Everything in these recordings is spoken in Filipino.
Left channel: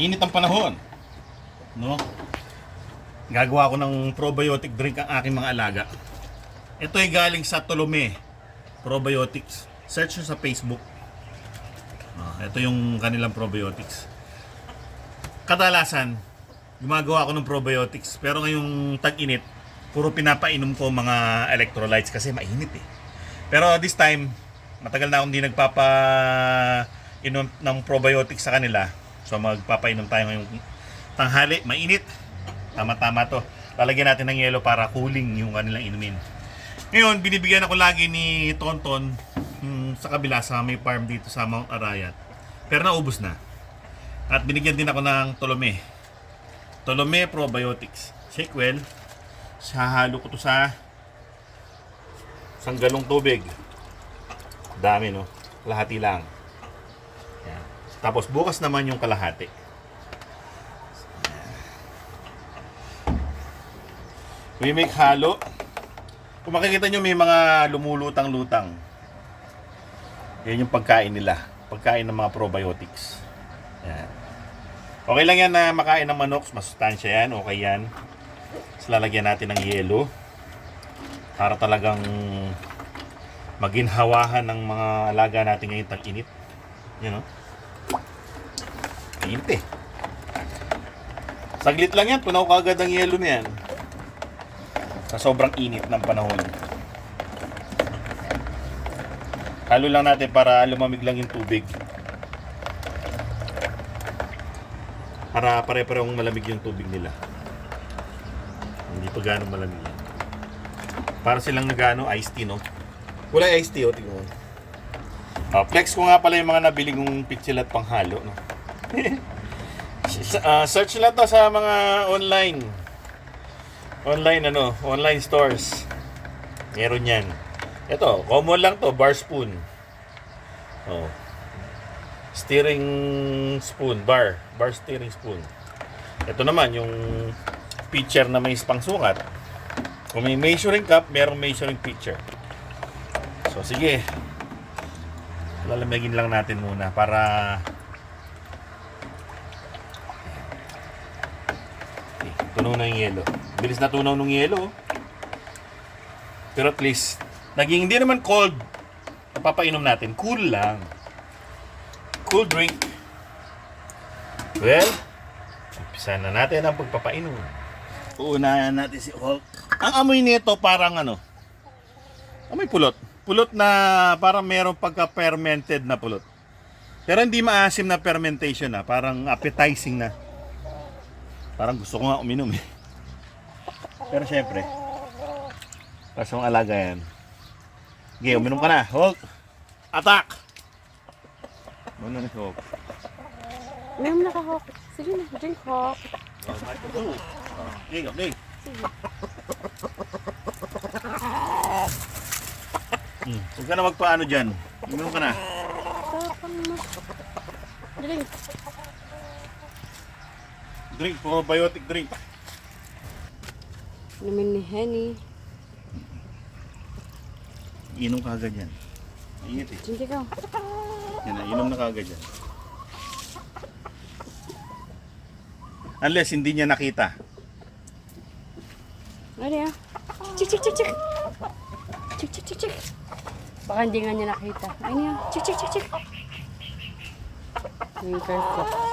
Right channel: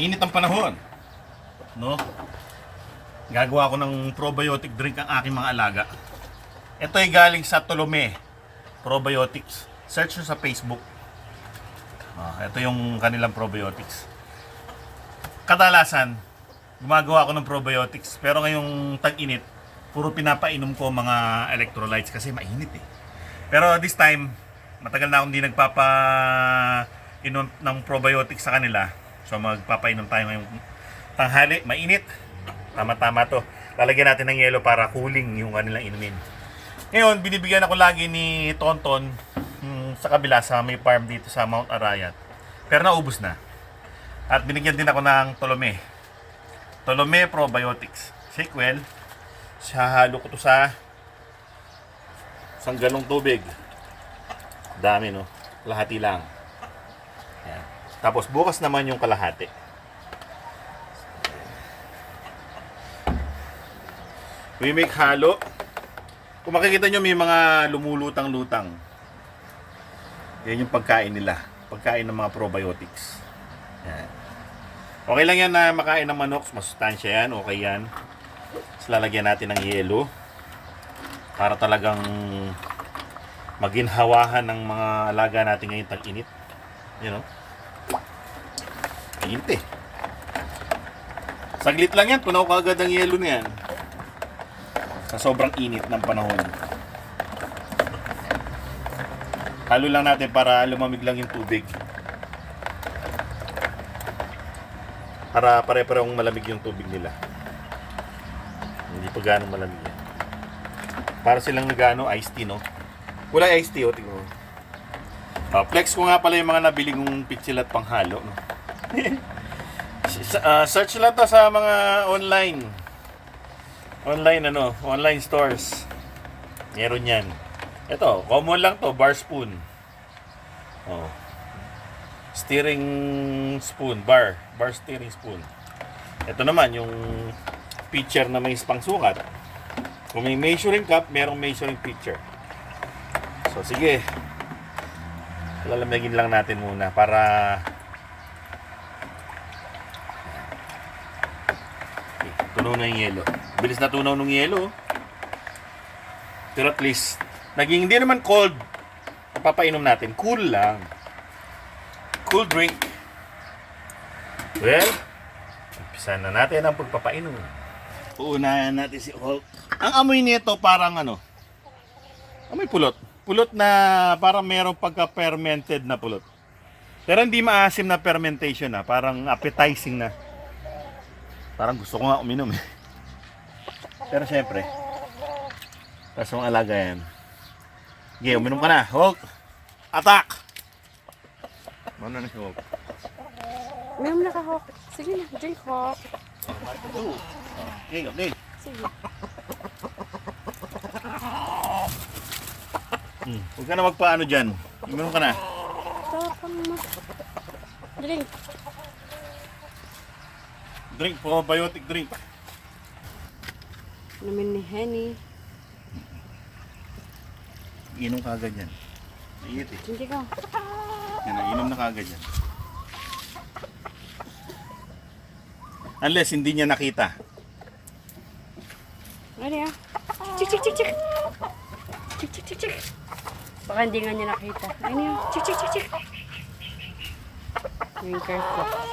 Mainit ang panahon. No? Gagawa ko ng probiotic drink ang aking mga alaga. Ito ay galing sa Tolome Probiotics. Search nyo sa Facebook. Ah, ito yung kanilang probiotics. Kadalasan, gumagawa ako ng probiotics. Pero ngayong tag-init, puro pinapainom ko mga electrolytes kasi mainit eh. Pero this time, matagal na akong hindi nagpapa inom ng probiotics sa kanila. So magpapainom tayo ngayong tanghali, mainit. Tama-tama to. Lalagyan natin ng yelo para cooling yung kanilang inumin. Ngayon, binibigyan ako lagi ni Tonton hmm, sa kabila sa may farm dito sa Mount Arayat. Pero naubos na. At binigyan din ako ng Tolome. Tolome Probiotics. Shake well. Sahalo ko to sa isang galong tubig. Dami no. Kalahati lang. Tapos bukas naman yung kalahati. We make halo. Kung makikita nyo may mga lumulutang-lutang. Yan yung pagkain nila. Pagkain ng mga probiotics. Yan. Okay lang yan na makain ng manok. Masustansya yan. Okay yan. Tapos lalagyan natin ng yelo. Para talagang maginhawahan ng mga alaga natin ngayon tag-init. You know? Init eh. Saglit lang yan. Punaw ka agad ang yelo na yan. Sa sobrang init ng panahon. Halo lang natin para lumamig lang yung tubig. Para pare-parehong malamig yung tubig nila. Hindi pa ganong malamig yan. Para silang nagano iced tea, no? Wala iced tea, o tingnan mo. Ah, flex ko nga pala yung mga nabili kong pitsil at panghalo, no? Ah, search lang to sa mga online. Online ano, online stores. Meron yan. Ito, common lang to, bar spoon. Oh. Steering spoon, bar, bar steering spoon. Ito naman yung pitcher na may pangsukat. Kung may measuring cup, merong measuring pitcher. So sige. Lalamigin lang natin muna para Tunaw na yung yelo. Bilis na tunaw ng yelo. oh. Pero at least, naging hindi naman cold. Papainom natin. Cool lang. Cool drink. Well, umpisa na natin ang pagpapainom. Uunahan natin si Hulk. Ang amoy nito parang ano, amoy pulot. Pulot na parang merong pagka-fermented na pulot. Pero hindi maasim na fermentation na, parang appetizing na. Parang gusto ko nga uminom eh. Pero syempre, para sa mga alaga yan. Okay, uminom ka na. Hulk! Attack! Ano na si Hulk? Meron na ka, Hawk. Sige na, drink, Hawk. Okay, okay. Sige. Hmm. Huwag ka na magpaano dyan. Uminom ka na. Tapang mo. Drink. Drink, probiotic drink. Namin ni Henny. Inom ka agad yan. Iit eh. Drink ka. Yan na, inom na kagad yan. Unless hindi niya nakita. Ano yan? Chik, chik, chik, chik. Chik, chik, chik, chik. Baka hindi nga niya nakita. Ano yan? Chik, chik, chik, chik. Yung careful.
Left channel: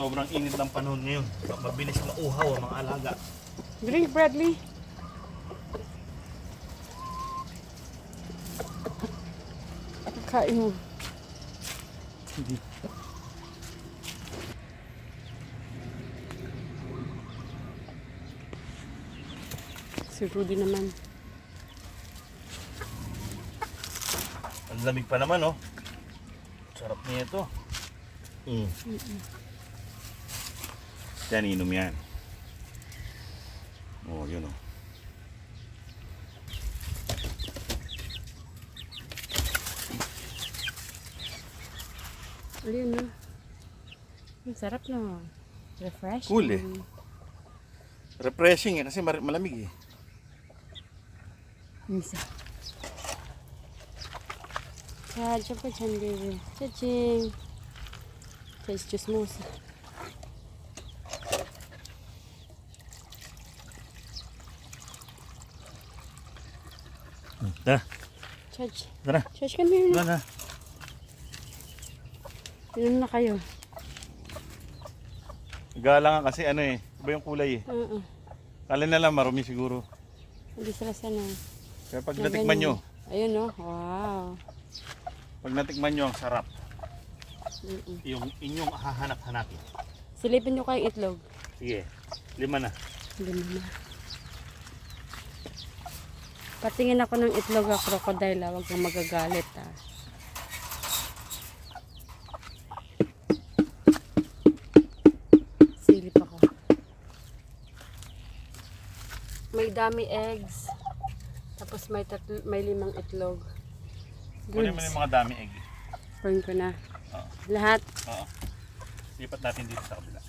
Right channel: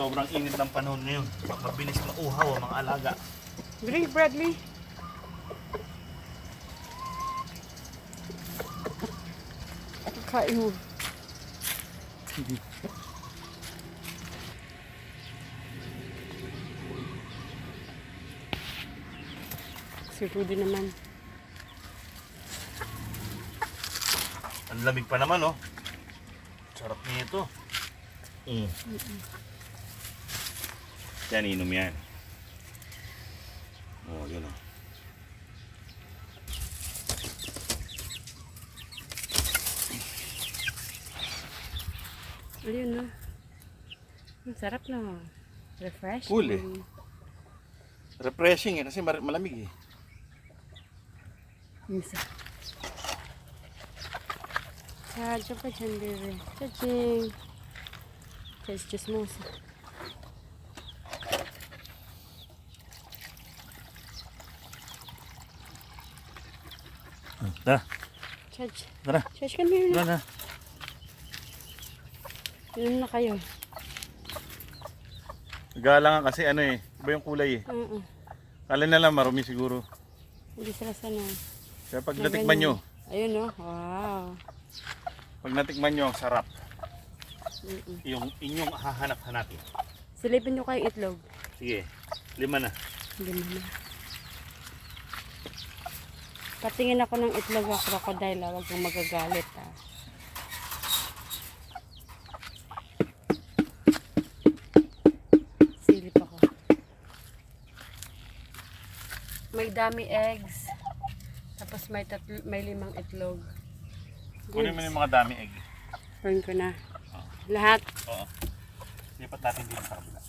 Sobrang init ng panahon ngayon, mabilis mauhaw ang mga alaga. Drink, Bradley. Kain mo. Si Rudy naman. Ang lamig pa naman, oh. Sarap niya ito. Mm. Yan, inom yan. Oh, yun, oh. Ayun na. Ang sarap na. Refresh. Cool eh. Refreshing eh, kasi malamig eh. Minsan. Sadya pa dyan, baby. Chaching. Chas, chismosa. Tara, Chach. tara. Chach kami. Tara na. Inom na kayo. Galangan kasi ano eh. Iba yung kulay eh. Oo. Kala na lang marumi siguro. Hindi sila sanay. Kaya pag Na natikman nyo. Ayun oh. Wow. pag natikman nyo ang sarap, Mm-mm. yung inyong hahanap-hanapin. Silipin nyo kayong itlog. Sige, lima na. Mo na. Patingin ako ng itlog ng crocodile. ah. Huwag kang magagalit ah. Silip ako. May dami eggs. Tapos may, tatlo, may limang itlog. Kunin mo yung mga dami egg. Burn ko na. Lahat. Oo. Lipat natin dito sa kabila.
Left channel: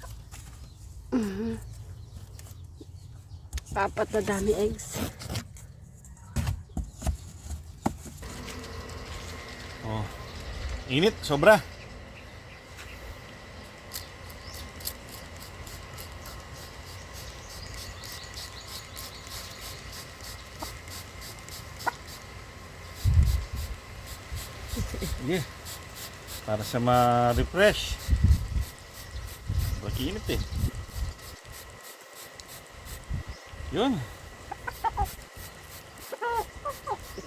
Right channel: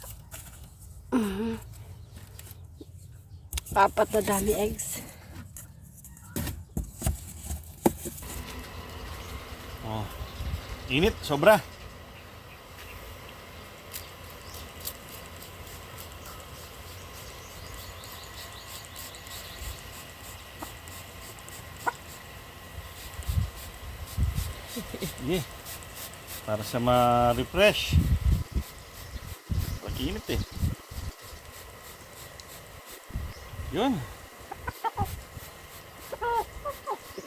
Papat na dami eggs. Oh. Init, sobra. Sige. Para sa ma-refresh. Kasi init eh. Yun.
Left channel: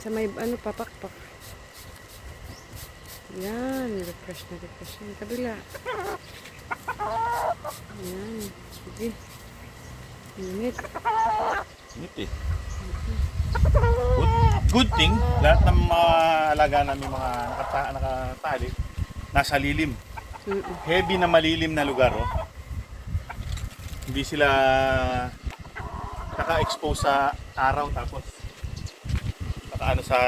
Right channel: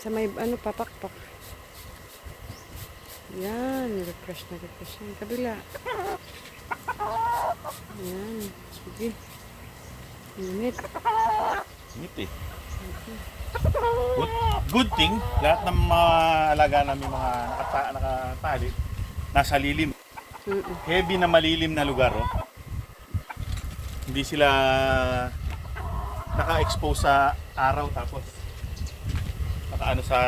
Sa may ano, papakpak. Yan, refresh na refresh na. Kabila. Yan, sige. Init. Init eh. Good, good thing, lahat ng mga alaga namin mga nakata, nakatali, nasa lilim. Mm-mm. Heavy na malilim na lugar, oh. Hindi sila naka-expose sa araw tapos naka ano sa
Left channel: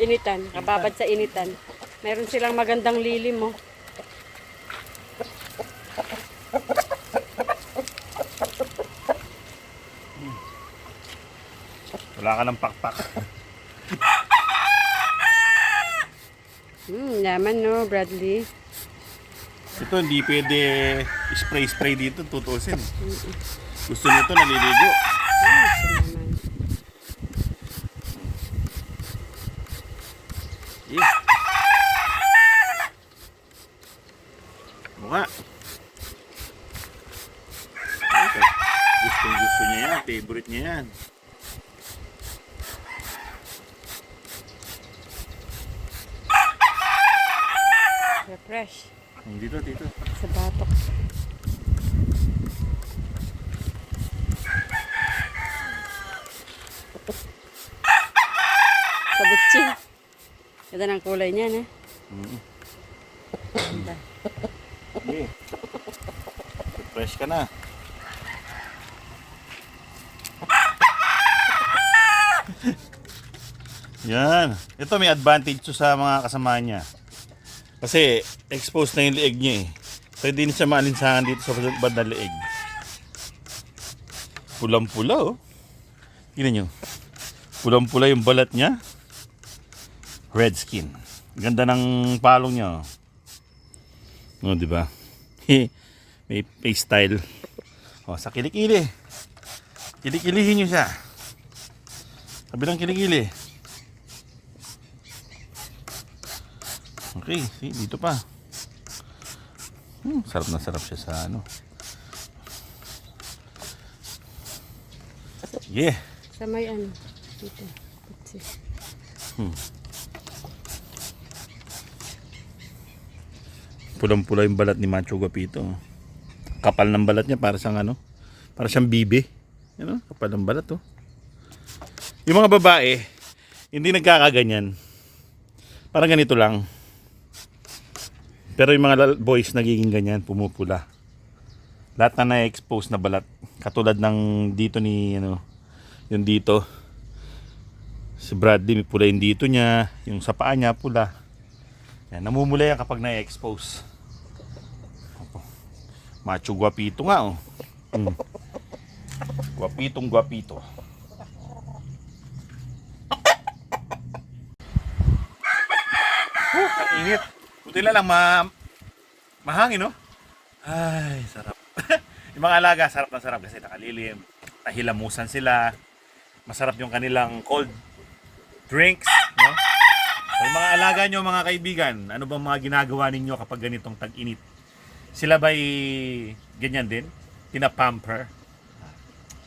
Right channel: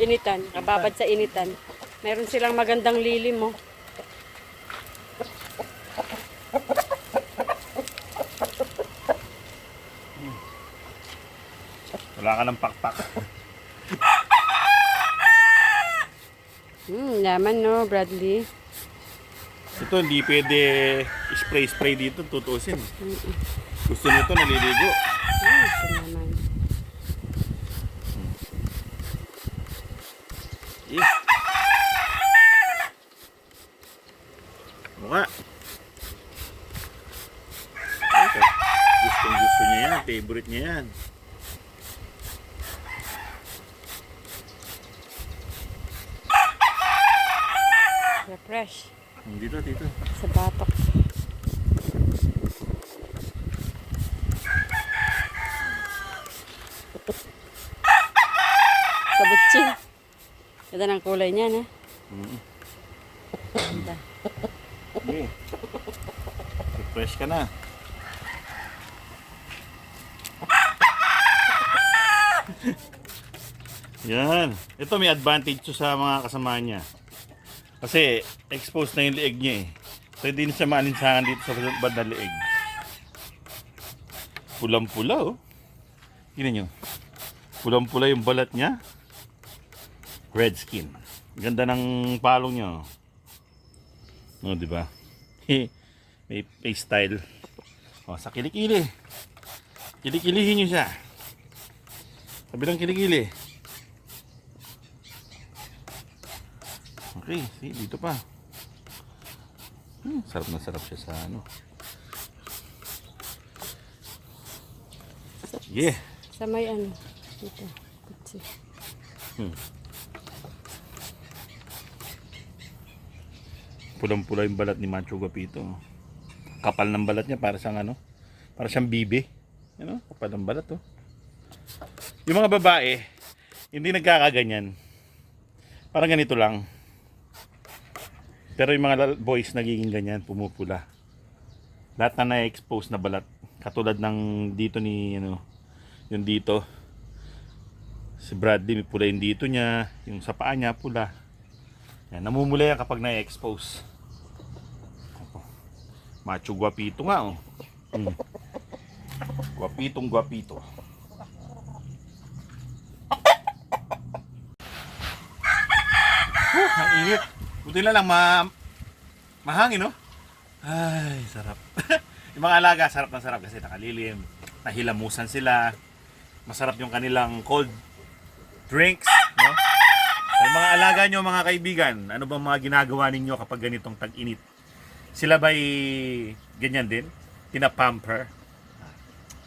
Initan, kababad sa initan. Meron silang magandang lilim, oh. wala ka ng pakpak. Hmm, yaman, no, Bradley. Ito hindi pwede spray-spray dito, tutusin. Gusto nito naliligo. Ito naman. Eh. Mukha. Okay. Gustong gusto niya yan. Favorite niya yan. Refresh. Dito, dito. Sa batok. Sa butsi. Ganda ng kulay niya, na. Mm. Ganda. Okay. Refresh ka na. Yan. Ito may advantage to sa mga kasama niya. Kasi exposed na yung leeg niya eh. Pwede din siya maalinsangan dito sa bandang leeg. Pulang-pula oh. Tingnan nyo. Pulang-pula yung balat niya. Red skin. Ganda ng palong niya oh. No, di ba? May face style. O, sa kilikili. Kilikilihin nyo siya. Kabilang kilikili. Okay, see, dito pa. Hmm, sarap na sarap siya sa ano. Sige. Sa may ano. Dito. Butsi. Pulang-pula yung balat ni Macho Guapito. Kapal ng balat niya para siyang ano? Para siyang bibe. Yan o, kapal ng balat oh. Yung mga babae, hindi nagkakaganyan. Parang ganito lang. Pero yung mga boys nagiging ganyan, pumupula. Lahat na na-expose na balat. Katulad ng dito ni, ano, yung dito. Si Bradley, may pula yung dito niya. Yung sa paa niya, pula. Yan, namumula yan kapag na-expose. Macho guapito nga oh. Mm. Guapitong guapito. Ang init. Buti na lang ma mahangin, no? Ay, sarap. yung mga alaga, sarap na sarap kasi nakalilim. Nahilamusan sila. Masarap yung kanilang cold drinks, no? So, yung mga alaga nyo, mga kaibigan, ano ba mga ginagawa ninyo kapag ganitong tag-init? Sila ba'y ganyan din? Pinapamper?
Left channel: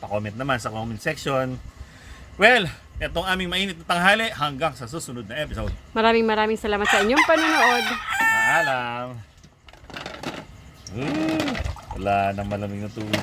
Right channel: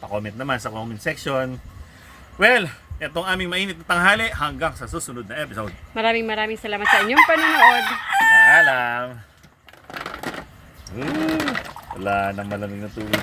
Pa-comment naman sa comment section. Well, itong aming mainit na tanghali hanggang sa susunod na episode. Maraming maraming salamat sa inyong panonood. Paalam! Hmm, wala nang malamig na tubig.